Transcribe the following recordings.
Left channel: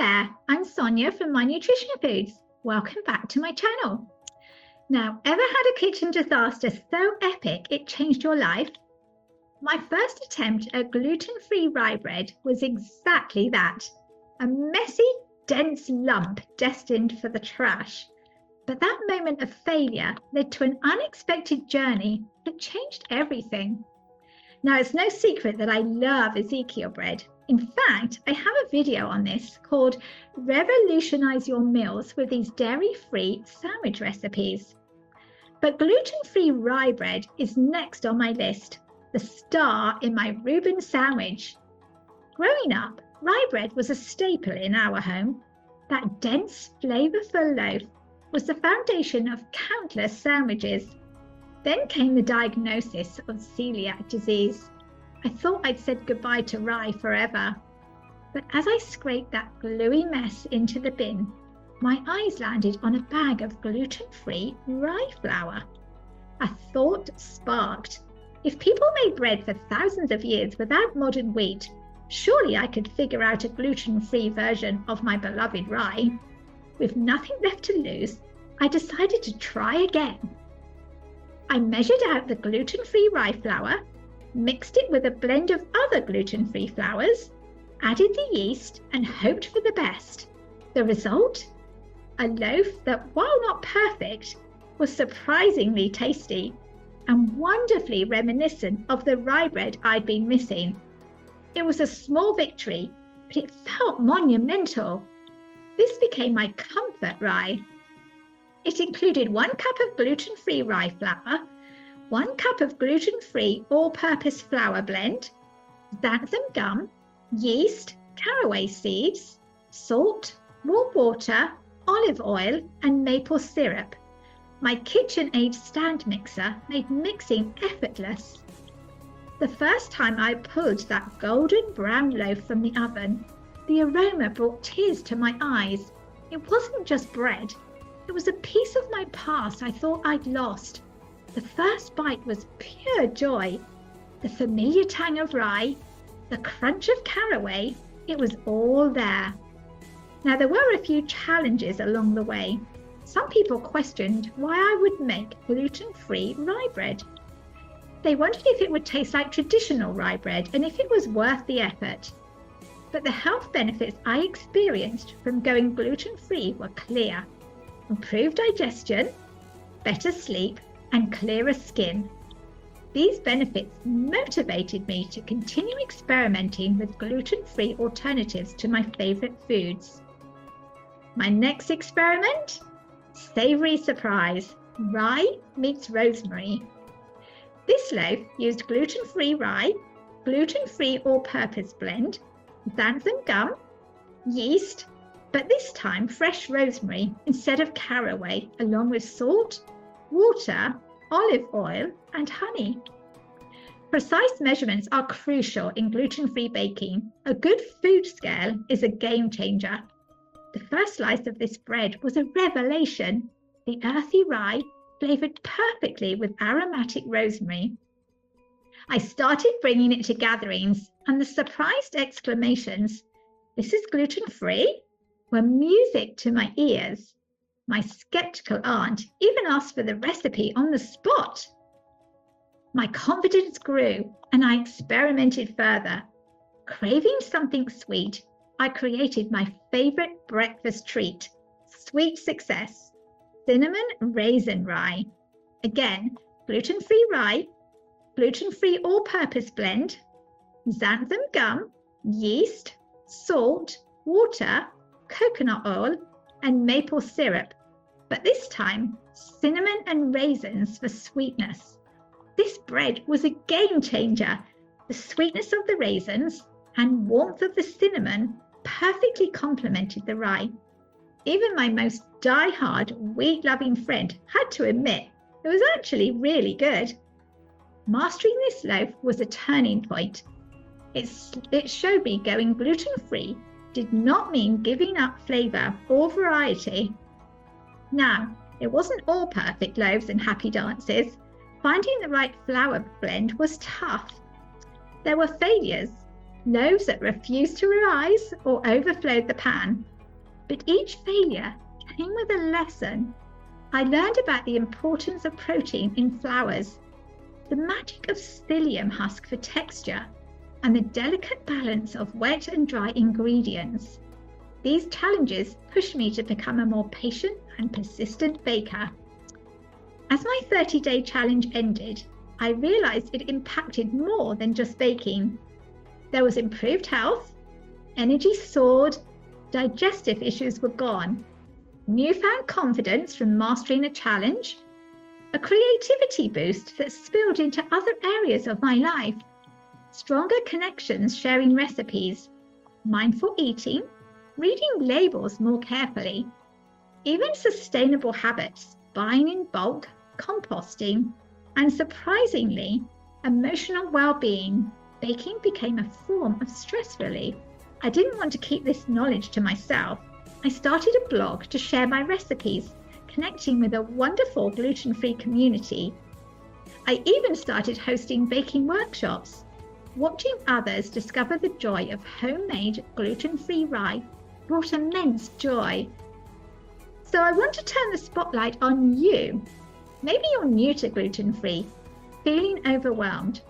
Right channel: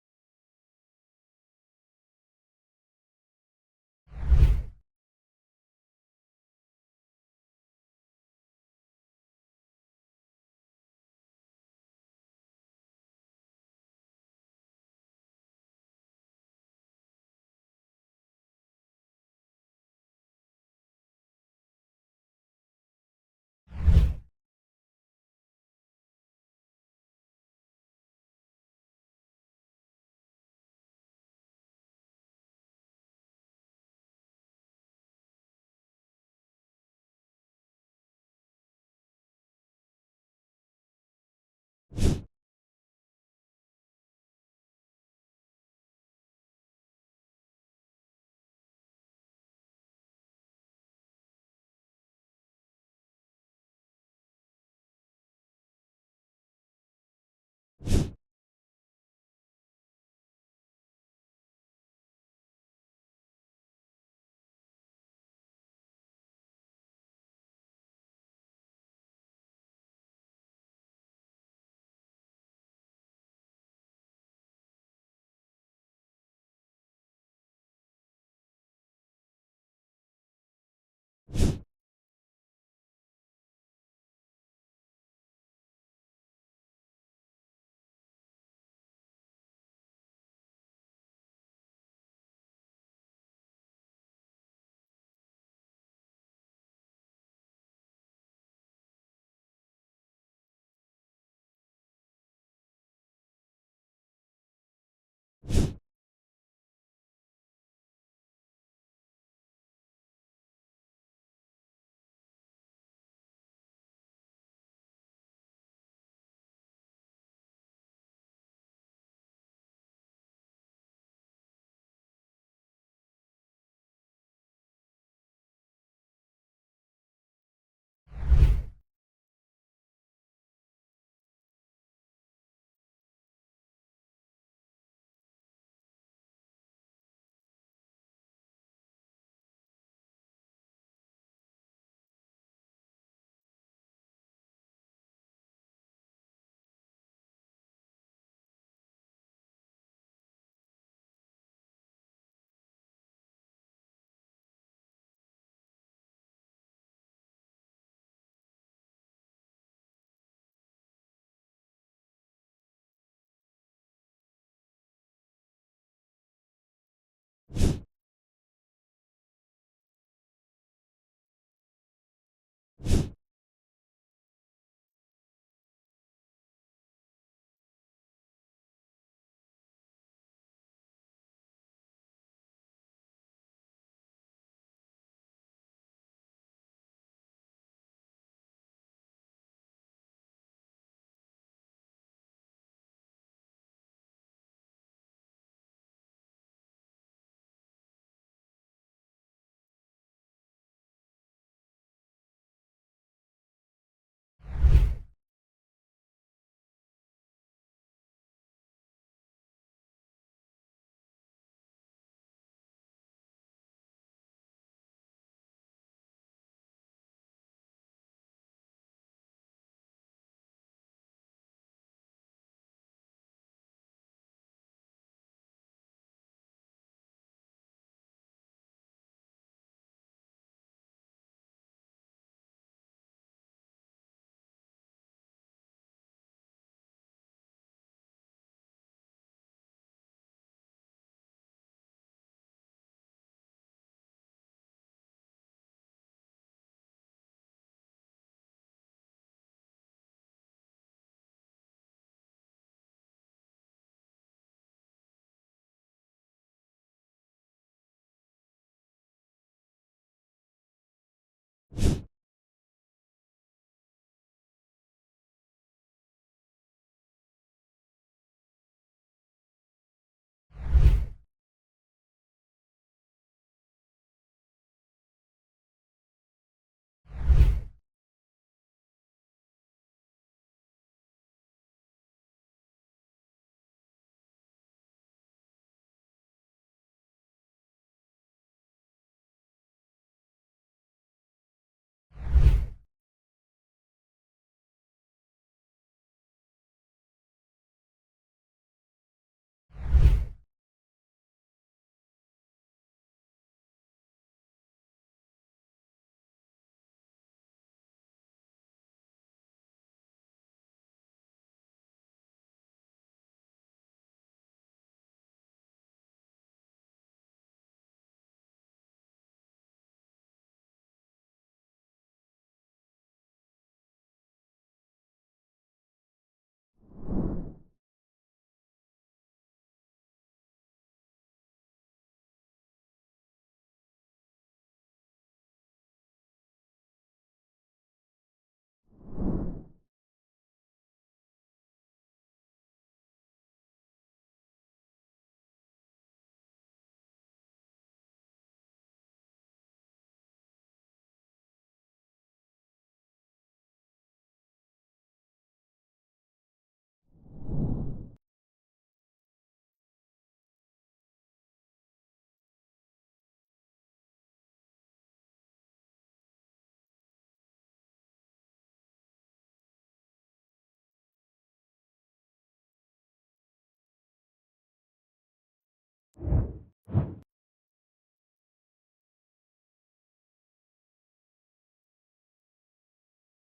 there, I'm Sonia from My Nutrition Foods. Welcome back to my channel. Now, ever had a kitchen disaster so epic it changed your life? My first attempt at gluten-free rye bread was exactly that. A messy, dense lump destined for the trash. But that moment of failure led to an unexpected journey that changed everything. Now, it's no secret that I love Ezekiel bread. In fact, I have a video on this called Revolutionize Your Meals with these dairy-free sandwich recipes. But gluten-free rye bread is next on my list, the star in my Reuben sandwich. Growing up, rye bread was a staple in our home. That dense, flavorful loaf was the foundation of countless sandwiches. Then came the diagnosis of celiac disease. I thought I'd said goodbye to rye forever. But as I scraped that gluey mess into the bin, my eyes landed on a bag of gluten-free rye flour. A thought sparked. If people made bread for thousands of years without modern wheat, surely I could figure out a gluten-free version of my beloved rye. With nothing left to lose, I decided to try again. I measured out the gluten-free rye flour, mixed it with a blend of other gluten-free flours, added the yeast and hoped for the best. The result? A loaf that, while not perfect, was surprisingly tasty and wonderfully reminiscent of the rye bread I'd been missing. It was a small victory, but it felt monumental. This became my comfort rye. It included 1 cup of gluten-free rye flour, 1 cup of gluten-free all-purpose flour blend, xanthan gum, yeast, caraway seeds, salt, warm water, olive oil, and maple syrup. My KitchenAid stand mixer made mixing effortless. The first time I pulled that golden brown loaf from the oven, the aroma brought tears to my eyes. It wasn't just bread. It was a piece of my past I thought I'd lost. The first bite was pure joy. The familiar tang of rye, the crunch of caraway, it was all there. Now, there were a few challenges along the way. Some people questioned why I would make gluten-free rye bread. They wondered if it would taste like traditional rye bread and if it was worth the effort. But the health benefits I experienced from going gluten-free were clear. Improved digestion, better sleep, and clearer skin. These benefits motivated me to continue experimenting with gluten-free alternatives to my favorite foods. My next experiment? Savory surprise, rye meets rosemary. This loaf used gluten-free rye, gluten-free all-purpose blend, xanthan gum, yeast, but this time fresh rosemary instead of caraway, along with salt, water, olive oil, and honey. Precise measurements are crucial in gluten-free baking. A good food scale is a game changer. The first slice of this bread was a revelation. The earthy rye flavored perfectly with aromatic rosemary. I started bringing it to gatherings, and the surprised exclamations, "This is gluten-free?" were music to my ears. My skeptical aunt even asked for the recipe on the spot. My confidence grew, and I experimented further. Craving something sweet, I created my favorite breakfast treat, sweet success, cinnamon raisin rye. Again, gluten-free rye, gluten-free all-purpose blend, xanthan gum, yeast, salt, water, coconut oil, and maple syrup, but this time cinnamon and raisins for sweetness. This bread was a game changer. The sweetness of the raisins and warmth of the cinnamon perfectly complemented the rye. Even my most die-hard wheat-loving friend had to admit it was actually really good. Mastering this loaf was a turning point. It showed me going gluten-free did not mean giving up flavor or variety. Now, it wasn't all perfect loaves and happy dances. Finding the right flour blend was tough. There were failures. loaves that refused to rise or overflowed the pan. But each failure came with a lesson. I learned about the importance of protein in flours, the magic of psyllium husk for texture, and the delicate balance of wet and dry ingredients. These challenges pushed me to become a more patient and persistent baker. As my 30-day challenge ended, I realized it impacted more than just baking. There was improved health, energy soared, digestive issues were gone, newfound confidence from mastering a challenge, a creativity boost that spilled into other areas of my life, stronger connections sharing recipes, mindful eating, reading labels more carefully, even sustainable habits, buying in bulk, composting, and surprisingly, emotional well-being. Baking became a form of stress relief. I didn't want to keep this knowledge to myself. I started a blog to share my recipes, connecting with a wonderful gluten-free community. I even started hosting baking workshops. Watching others discover the joy of homemade gluten-free rye brought immense joy. So I want to turn the spotlight on you. Maybe you're new to gluten-free, feeling overwhelmed,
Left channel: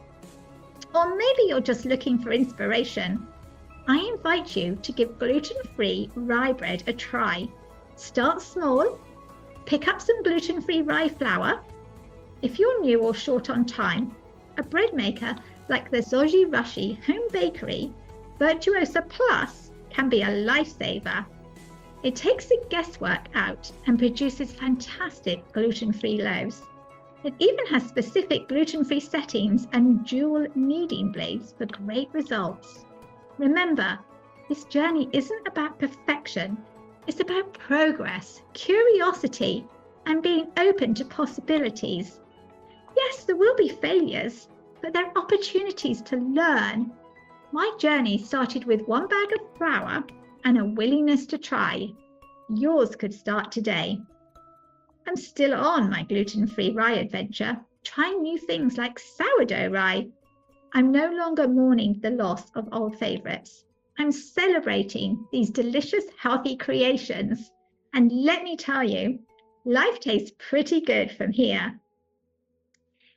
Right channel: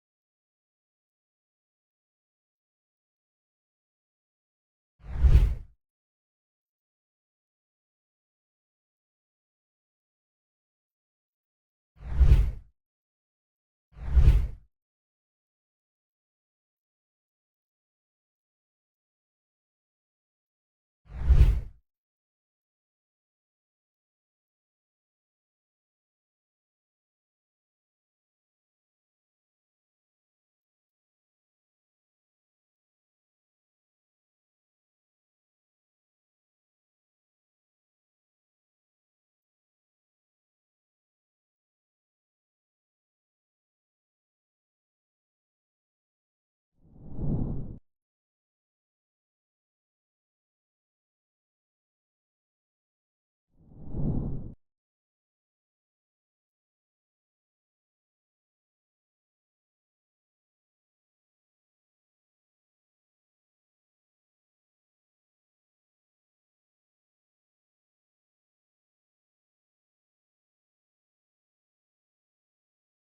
or maybe you're just looking for inspiration. I invite you to give gluten-free rye bread a try. Start small, pick up some gluten-free rye flour. If you're new or short on time, a bread maker like the Zoji Rushi Home Bakery Virtuosa Plus can be a lifesaver. It takes the guesswork out and produces fantastic gluten-free loaves. It even has specific gluten-free settings and dual kneading blades for great results. Remember, this journey isn't about perfection. It's about progress, curiosity, and being open to possibilities. Yes, there will be failures, but there are opportunities to learn. My journey started with one bag of flour and a willingness to try. Yours could start today. I'm still on my gluten-free rye adventure, trying new things like sourdough rye. I'm no longer mourning the loss of old favourites. I'm celebrating these delicious, healthy creations. And let me tell you, life tastes pretty good from here.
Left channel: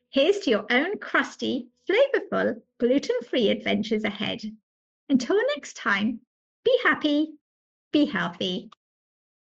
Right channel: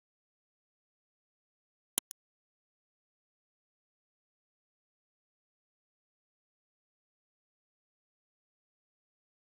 Here's to your own crusty, flavourful, gluten-free adventures ahead. Until next time, be happy, be healthy.